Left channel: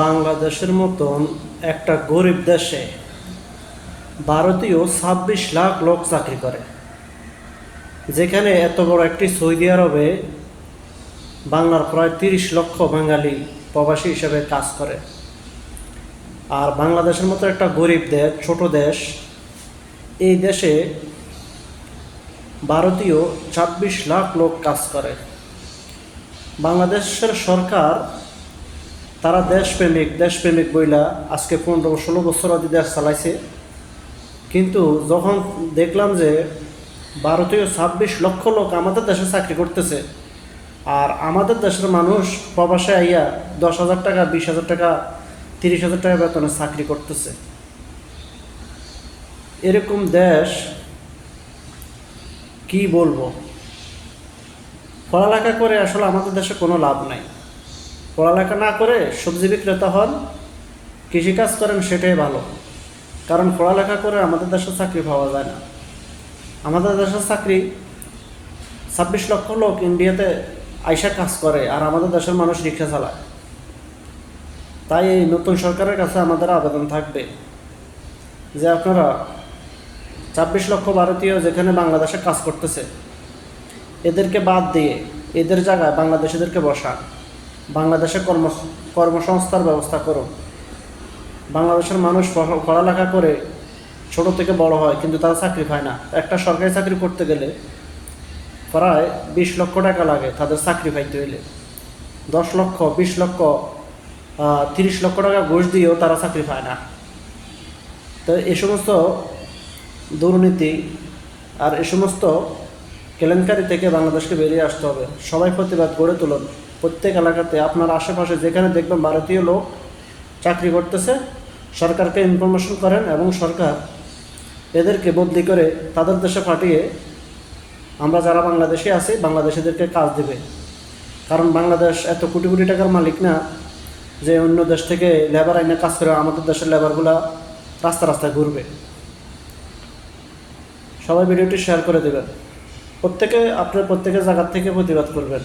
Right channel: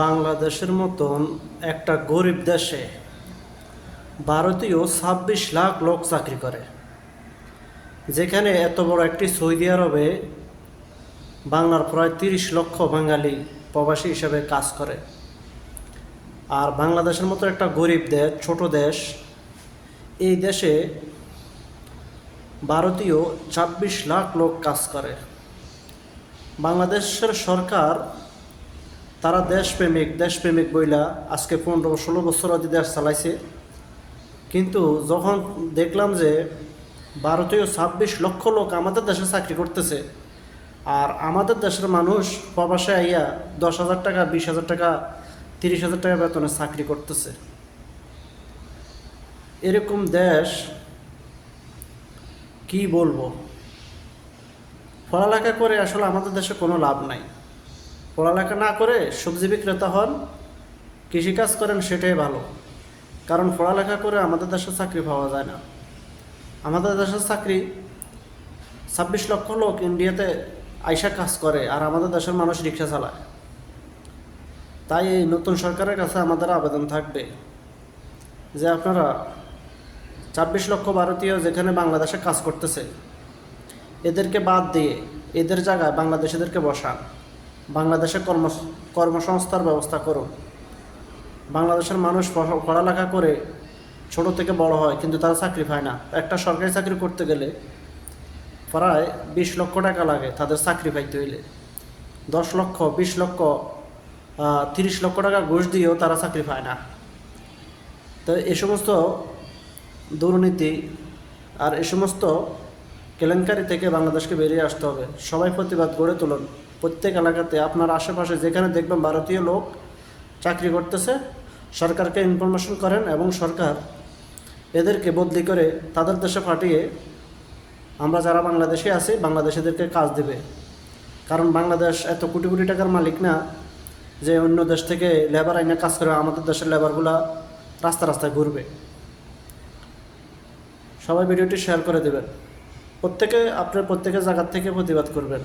বাংলাদেশের মতন একটা গরিব দেশে ভারতীয় 26 লাখ লোক চাকরি করে, যেখানে এত বড় একটি সৌদি আরবে বাংলার প্রায় 30 লক্ষ বাঙালি প্রবাসী হিসেবে কাজ করে। আর বাংলাদেশের মতো একটা গরিব দেশ, ছোট দেশ, এই দেশে ভারতীয় 26 লাখ লোক কাজ করে। বাংলাদেশের সরকার তারা দেশপ্রেমিক বইলা আজকে 15-16 বছর আদি দেশ চালাইছে, কিন্তু যখন দেখলাম যে ভারতীয় 26 লক্ষ লোক আমাদের দেশে চাকরি করতেছে, আর আমাদের দেশের মানুষ প্রবাসে আইয়া 10,000 টাকা, 20,000 টাকা, 30,000 টাকা বেতনে চাকরি করতেছে, এরকম দেশ কি বলবো। পড়ালেখা করে আসলে আমাদের দেশে কোনো লাভ নাই। পড়ালেখা না করে সবজি বিক্রেতা হন, কৃষিকাজ করেন, সেটাই ভালো। কারণ পড়ালেখা করে আমাদের দেশে চাকরি পাওয়া যায় না। আমাদের দেশের চাকরি 26 লক্ষ লোক ইন্ডিয়াতে আইসা কাজ করে, আর আমাদের দেশের মানুষ রিক্সা চালায়। তাই এই নতুন সরকারের কাছে আমাদের আবেদন থাকবে যে আপনারা 26 লক্ষ ভারতীয় যেখানে বাংলাদেশে কাজ করতেছে, এদেরকে বাদ দিয়ে এদের জায়গায় বাংলাদেশিদেরকে বসান, বাংলাদেশে কর্মসংস্থার ব্যবস্থা করুন। বাংলাদেশের মানুষ পড়ালেখা করে ছোট থেকে বড় হয়, কিন্তু তারা চাকরি পায় না। একটা সরকারি চাকরি করতে গেলে প্রায় 20 লক্ষ টাকা লাগে তাদের চাকরি পাইতে হইলে। 10 লক্ষ, 20 লক্ষ, 30 লক্ষ টাকা ঘুষ দিয়েও তারা চাকরি পায় না। তো এই সমস্ত দুর্নীতি আর এই সমস্ত কেলেঙ্কারি থেকে বাংলাদেশকে বেরিয়ে আসতে হবে। সবাই প্রতিবাদ গড়ে তুলুন। প্রত্যেক এলাকাতে আপনার আশেপাশে যেখানে দেখবেন ভারতীয় লোক চাকরি করতেছে, সরকারকে ইনফরমেশন করেন এবং সরকার এদেরকে বদলি করে তাদের দেশে পাঠিয়ে আমরা যারা বাংলাদেশে আছি বাংলাদেশিদেরকে কাজ দেবে। কারণ বাংলাদেশ এত কোটি কোটি টাকার মালিক না যে অন্য দেশ থেকে লেবার আইনে কাজ করে আমাদের দেশের লেবারগুলা রাস্তায় ঘুরবে। সবাই ভিডিওটি শেয়ার করে দেবেন। প্রত্যেকে আপনার প্রত্যেকের জায়গার থেকে প্রতিবাদ করবেন।